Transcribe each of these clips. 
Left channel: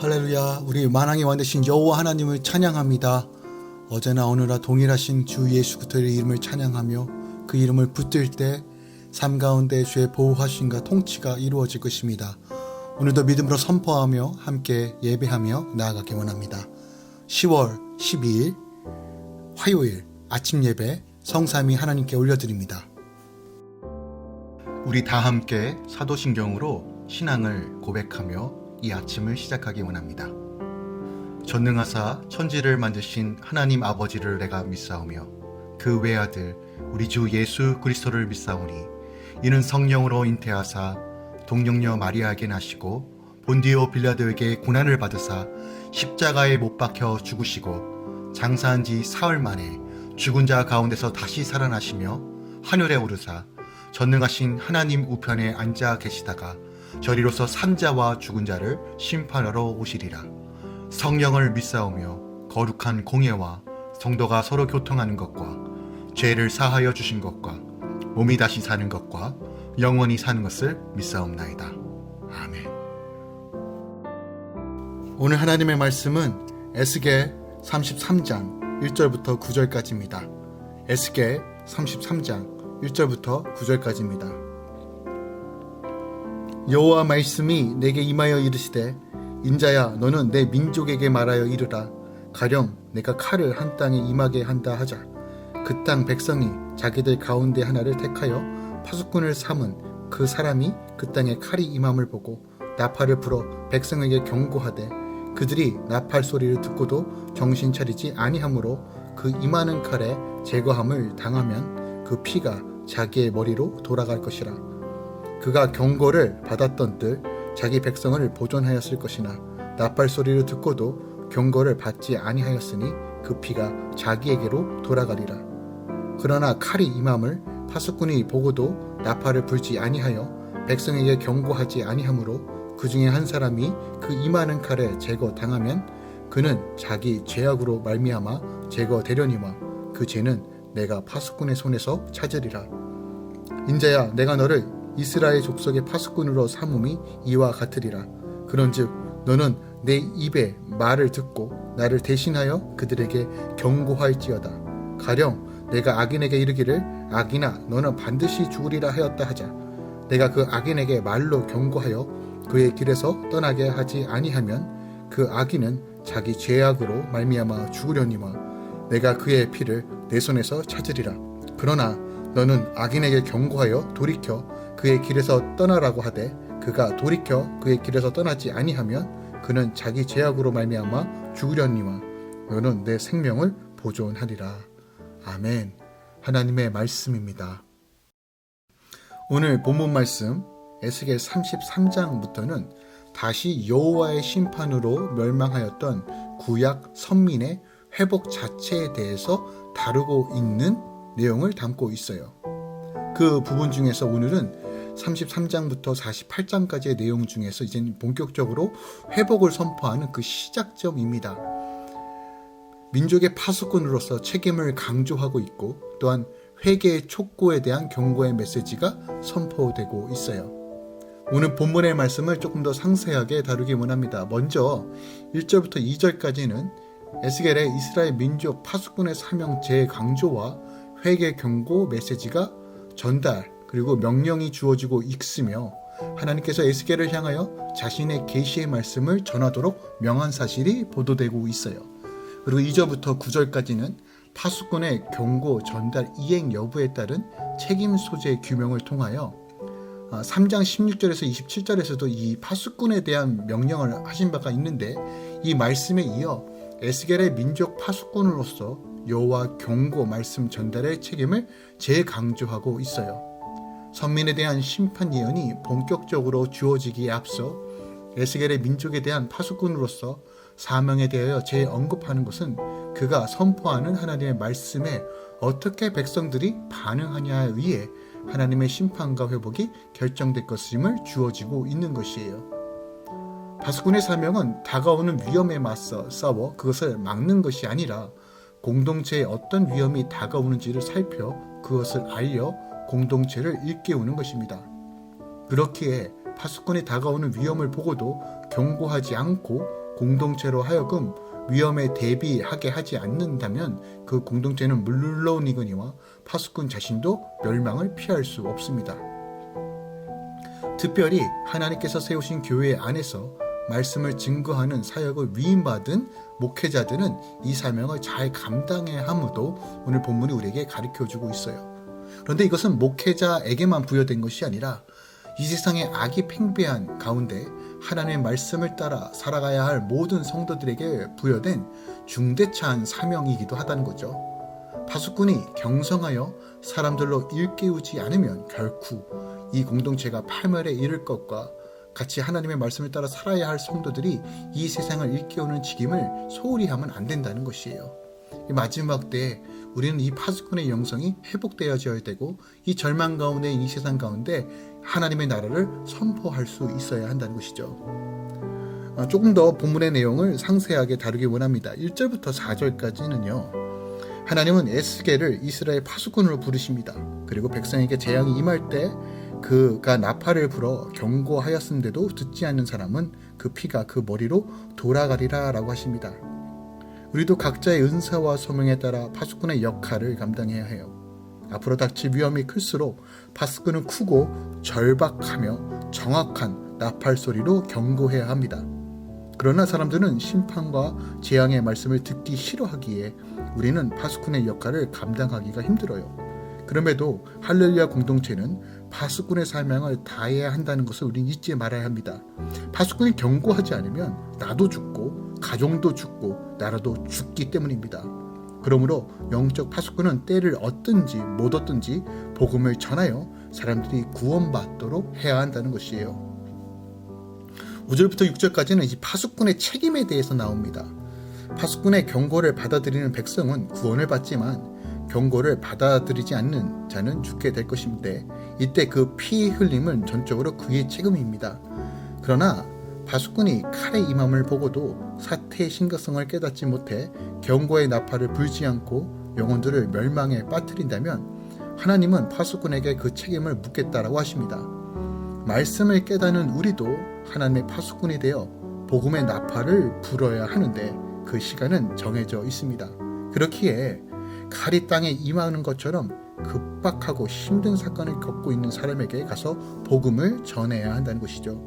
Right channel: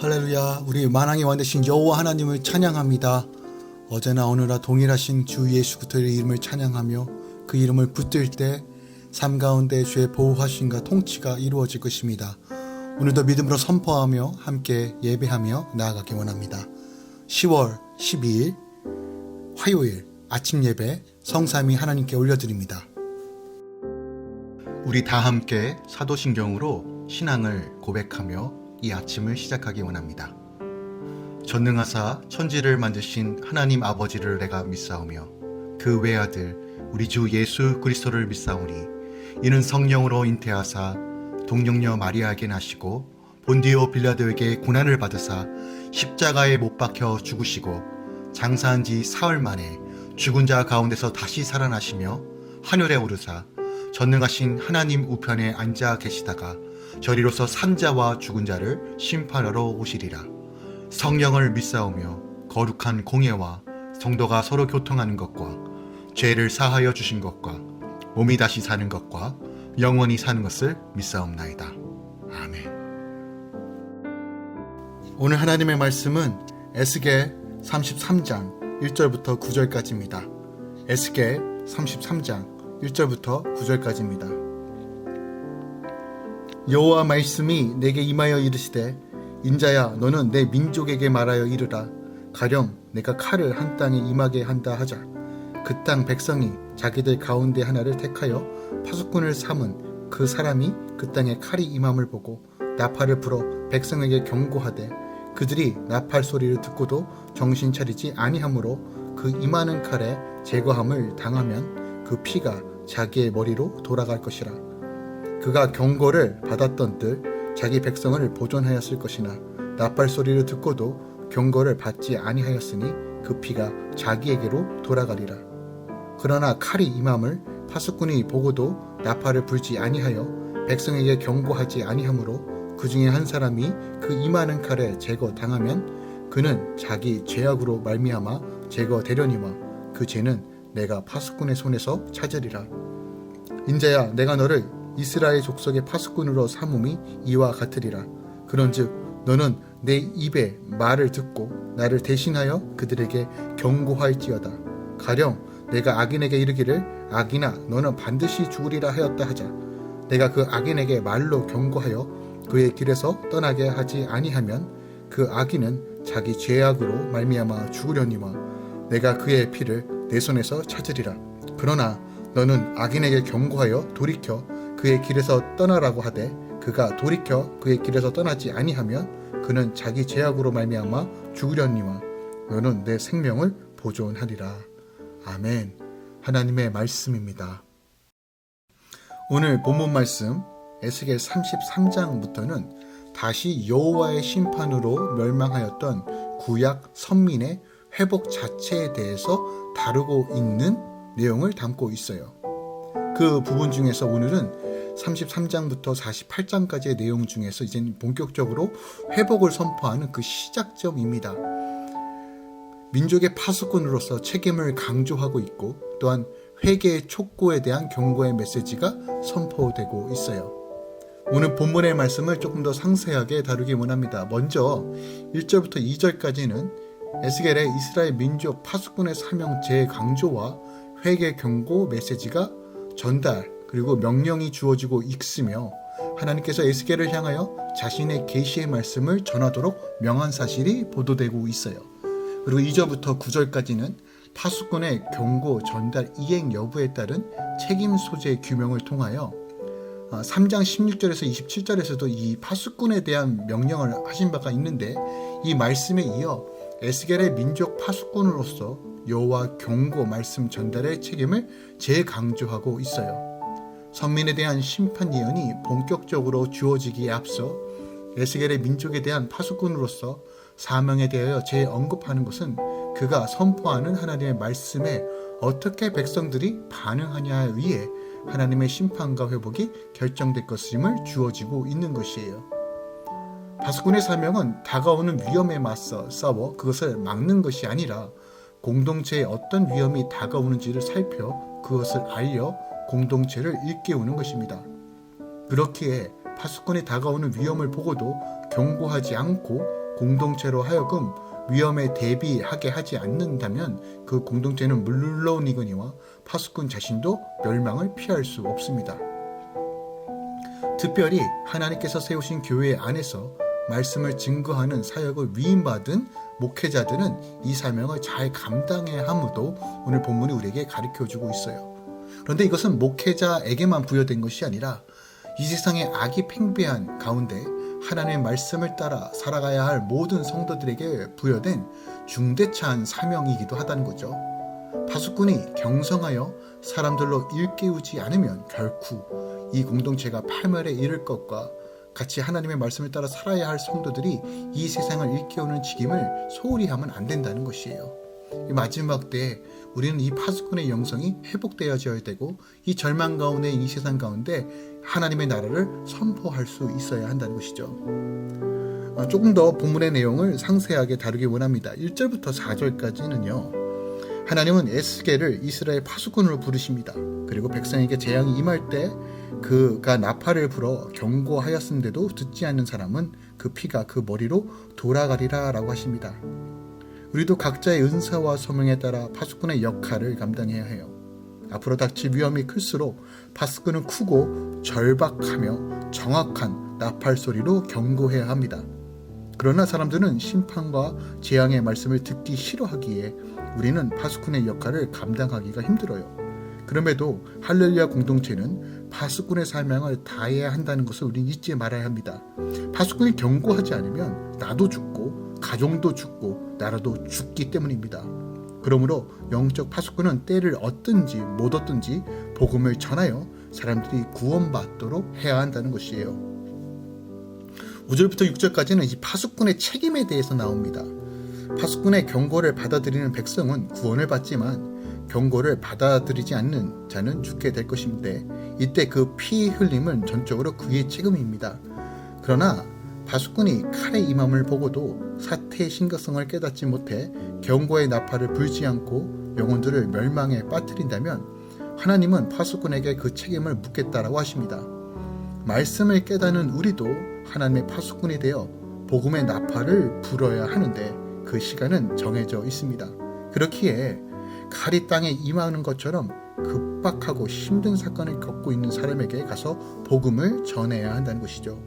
할렐루야. 우리 만왕의 왕 되신 여호와 하나님을 찬양합니다. 어제나 오늘나 동일하신 주 예수 그리스도의 이름을 찬양하며 그 이름을 붙들 때 삶 가운데 주의 보호하심과 통치가 이루어질 것입니다. 오늘도 믿음으로 선포하며 함께 예배하며 나아가기 원합니다. 10월 12일 화요일 아침 예배 성삼위 하나님께 올려드립니다. 우리 다 함께 사도신경으로 신앙을 고백하며 이 아침을 시작하기 원합니다. 전능하사 천지를 만드신 하나님 아버지를 내가 믿사오며 그 외아들 우리 주 예수 그리스도를 믿사오니 이는 성령으로 잉태하사 동정녀 마리아에게 나시고 본디오 빌라도에게 고난을 받으사 십자가에 못 박혀 죽으시고 장사한 지 사흘 만에 죽은 자 가운데서 다시 살아나시며 하늘에 오르사 전능하신 하나님 우편에 앉아 계시다가 저리로서 산자와 죽은 자를 심판하러 오시리라. 성령을 믿사오며 거룩한 공예와 성도가 서로 교통하는 것과 죄를 사하여 주신 것과 몸이 다시 사는 것과 영원히 사는 것을 믿사옵나이다. 아멘. 오늘 하나님의 말씀은 에스겔 33장 1절부터 9절까지입니다. 에스겔 33장 1절부터 9절까지입니다. 여호와 말씀이 내게 임하여 이르시되 인자야 너는 내 민족에게 말하여 이르라. 가령 내가 칼을 한 땅에 임하게 한다 하자. 그 땅 백성이 자기들 가운데 하나를 택하여 파수꾼을 삼은 그 사람이 그 땅에 칼이 임함을 보고 나팔을 불어 백성에게 경고하되 그들이 나팔 소리를 듣고도 정신 차리지 아니하므로 그 임하는 칼에 제거함을 당하면 그 피가 자기의 머리로 돌아갈 것이라. 그가 경고를 받았던 뜰 자기 백성을 보존하였을 것이나 나팔 소리를 듣고도 경고를 받지 아니하였으니 그 피가 자기에게로 돌아가리라. 그러나 칼이 임함을 파수꾼이 보고도 나팔을 불지 아니하여 백성에게 경고하지 아니하므로 그 중에 한 사람이 그 임하는 칼에 제거당하면 그는 자기 죄악으로 말미암아 제거되려니와 그 죄는 내가 파수꾼의 손에서 찾으리라. 인자야 내가 너를 이스라엘 족속의 파수꾼으로 삼음이 이와 같으리라. 그런즉 너는 내 입의 말을 듣고 나를 대신하여 그들에게 경고할지어다. 가령 내가 악인에게 이르기를 악인아 너는 반드시 죽으리라 하였다 하자. 내가 그 악인에게 말로 경고하여 그의 길에서 떠나게 하지 아니하면 그 악인은 자기 죄악으로 말미암아 죽으려니와 내가 그의 피를 내 손에서 찾으리라. 그러나 너는 악인에게 경고하여 돌이켜 그의 길에서 떠나라고 하되 그가 돌이켜 그의 길에서 떠나지 아니하면 그는 자기 죄악으로 말미암아 죽으려니와 너는 내 생명을 보존하리라. 아멘. 하나님의 말씀입니다. 오늘 본문 말씀 에스겔 33장부터는 다시 여호와의 심판으로 멸망하였던 구약 선민의 회복 자체에 대해서 다루고 있는 내용을 담고 있어요. 그 부분 중에서 오늘은 33장부터 48장까지의 내용 중에서 이제 본격적으로 회복을 선포하는 그 시작점입니다. 민족의 파수꾼으로서 책임을 강조하고 있고 또한 회개의 촉구에 대한 경고의 메시지가 선포되고 있어요. 오늘 본문의 말씀을 조금 더 상세하게 다루기 원합니다. 먼저 1절부터 2절까지는 에스겔의 이스라엘 민족 파수꾼의 사명 재강조와 회개 경고 메시지가 전달 그리고 명령이 주어지고 있으며 하나님께서 에스겔을 향하여 자신의 계시의 말씀을 전하도록 명한 사실이 보도되고 있어요. 그리고 2절부터 9절까지는 파수꾼의 경고 전달 이행 여부에 따른 책임 소재 규명을 통하여 3장 16절에서 27절에서도 이 파수꾼에 대한 명령을 하신 바가 있는데 이 말씀에 이어 에스겔의 민족 파수꾼으로서 여호와 경고 말씀 전달의 책임을 재강조하고 있어요. 선민에 대한 심판 예언이 본격적으로 주어지기에 앞서 에스겔의 민족에 대한 파수꾼으로서 사명에 대하여 재언급하는 것은 그가 선포하는 하나님의 말씀에 어떻게 백성들이 반응하냐에 의해 하나님의 심판과 회복이 결정될 것임을 주어지고 있는 것이에요. 파수꾼의 사명은 다가오는 위험에 맞서 싸워 그것을 막는 것이 아니라 공동체에 어떤 위험이 다가오는지를 살펴 그것을 알려 공동체를 일깨우는 것입니다. 그렇기에 파수꾼이 다가오는 위험을 보고도 경고하지 않고 공동체로 하여금 위험에 대비하게 하지 않는다면 그 공동체는 물론이거니와 파수꾼 자신도 멸망을 피할 수 없습니다. 특별히 하나님께서 세우신 교회 안에서 말씀을 증거하는 사역을 위임받은 목회자들은 이 사명을 잘 감당해야 함도 오늘 본문이 우리에게 가르쳐주고 있어요. 그런데 이것은 목회자에게만 부여된 것이 아니라 이 세상의 악이 팽배한 가운데 하나님의 말씀을 따라 살아가야 할 모든 성도들에게 부여된 중대차한 사명이기도 하다는 거죠. 파수꾼이 경성하여 사람들로 일깨우지 않으면 결코 이 공동체가 파멸에 이를 것과 같이 하나님의 말씀을 따라 살아야 할 성도들이 이 세상을 일깨우는 직임을 소홀히 하면 안 된다는 것이에요. 이 마지막 때에 우리는 이 파수꾼의 영성이 회복되어져야 되고 이 절망 가운데 이 세상 가운데 하나님의 나라를 선포할 수 있어야 한다는 것이죠. 조금 더 본문의 내용을 상세하게 다루기 원합니다. 1절부터 4절까지는요. 하나님은 에스겔을 이스라엘 파수꾼으로 부르십니다. 그리고 백성에게 재앙이 임할 때 그가 나팔을 불어 경고하였음에도 듣지 않는 사람은 그 피가 그 머리로 돌아가리라 라고 하십니다. 우리도 각자의 은사와 소명에 따라 파수꾼의 역할을 감당해야 해요. 앞으로 닥칠 위험이 클수록 파수꾼은 크고 절박하며 정확한 나팔 소리로 경고해야 합니다. 그러나 사람들은 심판과 재앙의 말씀을 듣기 싫어하기에 우리는 파수꾼의 역할을 감당하기가 힘들어요. 그럼에도 할렐루야 공동체는 파수꾼의 사명을 다해야 한다는 것을 우리는 잊지 말아야 합니다. 파수꾼이 경고하지 않으면 나도 죽고 가정도 죽고 나라도 죽기 때문입니다. 그러므로 영적 파수꾼은 때를 얻든지 못 얻든지 복음을 전하여 사람들이 구원받도록 해야 한다는 것이에요. 5절부터 6절까지는 이 파수꾼의 책임에 대해서 나옵니다. 파수꾼의 경고를 받아들이는 백성은 구원을 받지만 경고를 받아들이지 않는 자는 죽게 될 것인데 이때 그 피 흘림은 전적으로 그의 책임입니다. 그러나 파수꾼이 칼의 임함을 보고도 사태의 심각성을 깨닫지 못해 경고의 나팔을 불지 않고 영혼들을 멸망에 빠뜨린다면 하나님은 파수꾼에게 그 책임을 묻겠다라고 하십니다. 말씀을 깨닫는 우리도 하나님의 파수꾼이 되어 복음의 나팔을 불어야 하는데 그 시간은 정해져 있습니다. 그렇기에 칼이 땅에 임하는 것처럼 급박하고 힘든 사건을 겪고 있는 사람에게 가서 복음을 전해야 한다는 것이죠.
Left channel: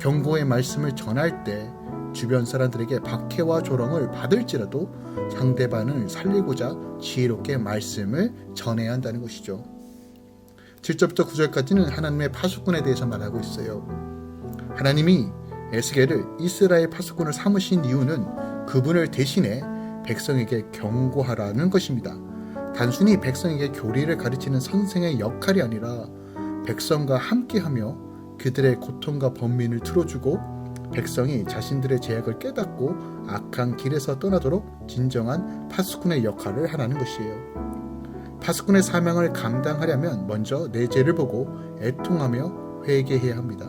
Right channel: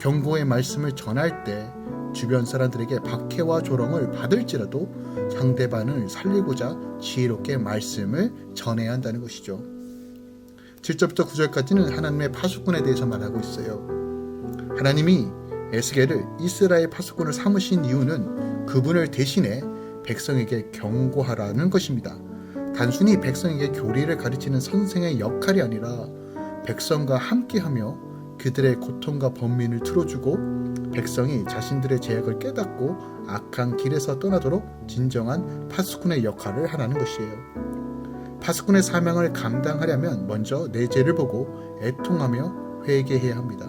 경고의 말씀을 전할 때 주변 사람들에게 박해와 조롱을 받을지라도 상대방을 살리고자 지혜롭게 말씀을 전해야 한다는 것이죠. 7절부터 9절까지는 하나님의 파수꾼에 대해서 말하고 있어요. 하나님이 에스겔을 이스라엘 파수꾼을 삼으신 이유는 그분을 대신해 백성에게 경고하라는 것입니다. 단순히 백성에게 교리를 가르치는 선생의 역할이 아니라 백성과 함께하며 그들의 고통과 번민을 들어주고 백성이 자신들의 죄악을 깨닫고 악한 길에서 떠나도록 진정한 파수꾼의 역할을 하라는 것이에요. 파수꾼의 사명을 감당하려면 먼저 내 죄를 보고 애통하며 회개해야 합니다.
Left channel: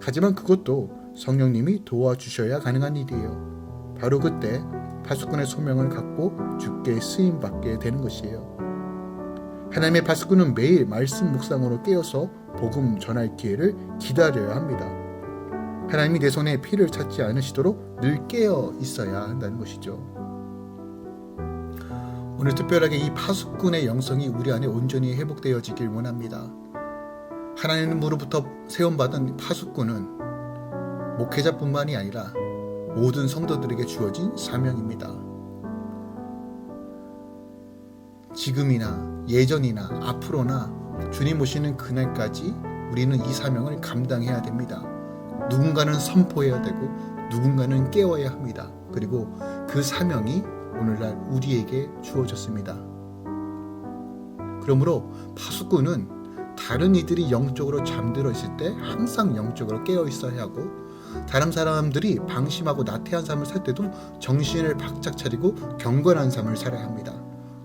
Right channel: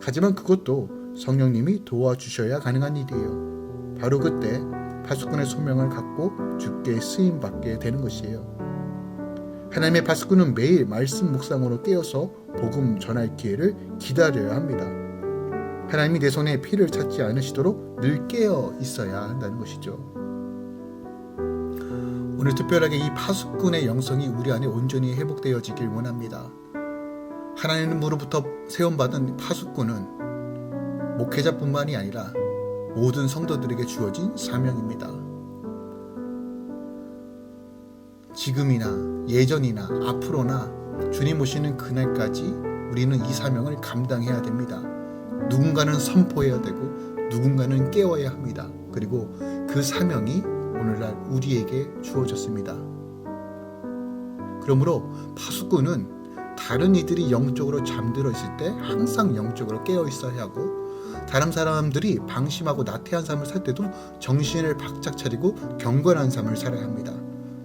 하지만 그것도 성령님이 도와주셔야 가능한 일이에요. 바로 그때 파수꾼의 소명을 갖고 주께 쓰임받게 되는 것이에요. 하나님의 파수꾼은 매일 말씀 묵상으로 깨어서 복음 전할 기회를 기다려야 합니다. 하나님이 내 손에 피를 찾지 않으시도록 늘 깨어 있어야 한다는 것이죠. 오늘 특별하게 이 파수꾼의 영성이 우리 안에 온전히 회복되어지길 원합니다. 하나님으로부터 세움받은 파수꾼은 목회자뿐만이 아니라 모든 성도들에게 주어진 사명입니다. 지금이나 예전이나 앞으로나 주님 오시는 그날까지 우리는 이 사명을 감당해야 됩니다. 누군가는 선포해야 되고 누군가는 깨워야 합니다. 그리고 그 사명이 오늘날 우리에게 주어졌습니다. 그러므로 파수꾼은 다른 이들이 영적으로 잠들어 있을 때 항상 영적으로 깨어 있어야 하고 다른 사람들이 방심하고 나태한 삶을 살 때도 정신을 바짝 차리고 경건한 삶을 살아야 합니다.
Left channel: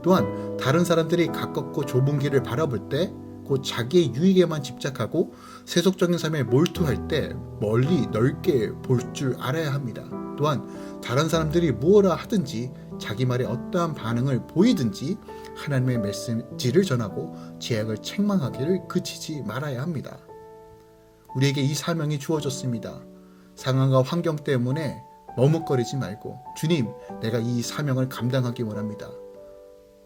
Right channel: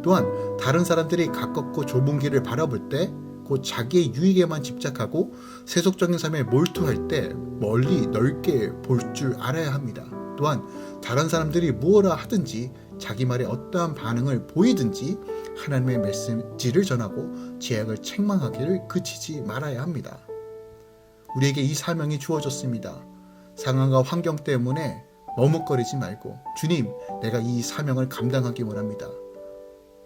또한 다른 사람들이 가깝고 좁은 길을 바라볼 때 곧 자기의 유익에만 집착하고 세속적인 삶에 몰두할 때 멀리 넓게 볼 줄 알아야 합니다. 또한 다른 사람들이 무엇라 하든지 자기 말에 어떠한 반응을 보이든지 하나님의 메시지를 전하고 죄악을 책망하기를 그치지 말아야 합니다. 우리에게 이 사명이 주어졌습니다. 상황과 환경 때문에 머뭇거리지 말고 주님, 내가 이 사명을 감당하기 원합니다.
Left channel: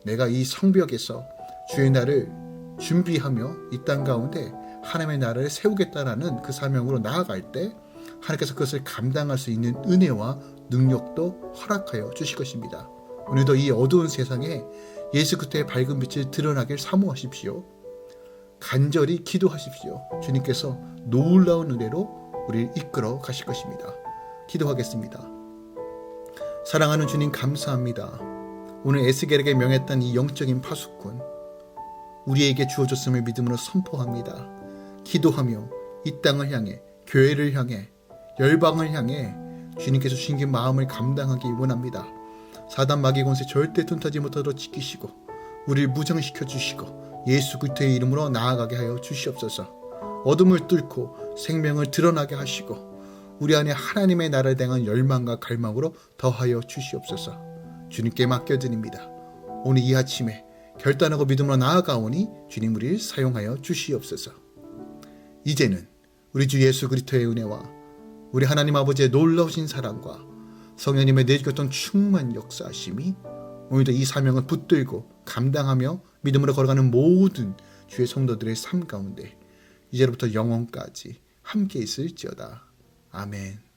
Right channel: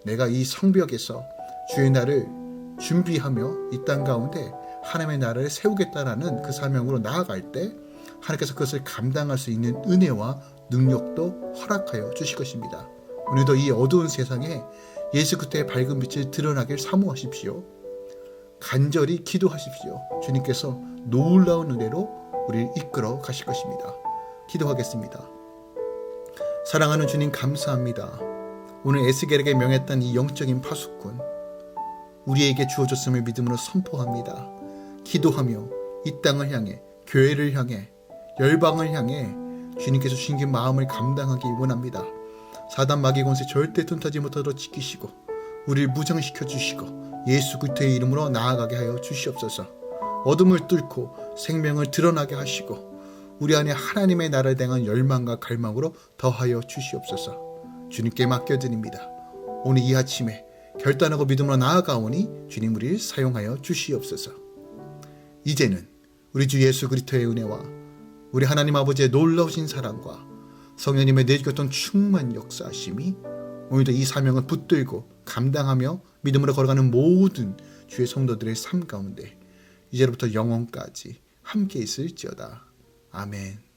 내가 이 성벽에서 주의 날을 준비하며 이 땅 가운데 하나님의 나라를 세우겠다라는 그 사명으로 나아갈 때 하나님께서 그것을 감당할 수 있는 은혜와 능력도 허락하여 주실 것입니다. 오늘도 이 어두운 세상에 예수 그리스도의 밝은 빛을 드러나길 사모하십시오. 간절히 기도하십시오. 주님께서 놀라운 은혜로 우리를 이끌어 가실 것입니다. 기도하겠습니다. 사랑하는 주님, 감사합니다. 오늘 에스겔에게 명했던 이 영적인 파수꾼, 우리에게 주어졌음을 믿음으로 선포합니다. 기도하며 이 땅을 향해, 교회를 향해, 열방을 향해 주님께서 주신 마음을 감당하기 원합니다. 사단 마귀 권세 절대 둔타지 못하도록 지키시고 우리를 무장시켜 주시고 예수 그리스도의 이름으로 나아가게 하여 주시옵소서. 어둠을 뚫고 생명을 드러나게 하시고 우리 안에 하나님의 나라를 향한 열망과 갈망으로 더하여 주시옵소서. 주님께 맡겨드립니다. 오늘 이 아침에 결단하고 믿음으로 나아가오니 주님 우리를 사용하여 주시옵소서. 이제는 우리 주 예수 그리스도의 은혜와 우리 하나님 아버지의 놀라우신 사랑과 성령님의 내주셨던 충만 역사하심이 오늘도 이 사명을 붙들고 감당하며 믿음으로 걸어가는 모든 주의 성도들의 삶 가운데 이제부터 영원까지 함께 있을지어다. 아멘.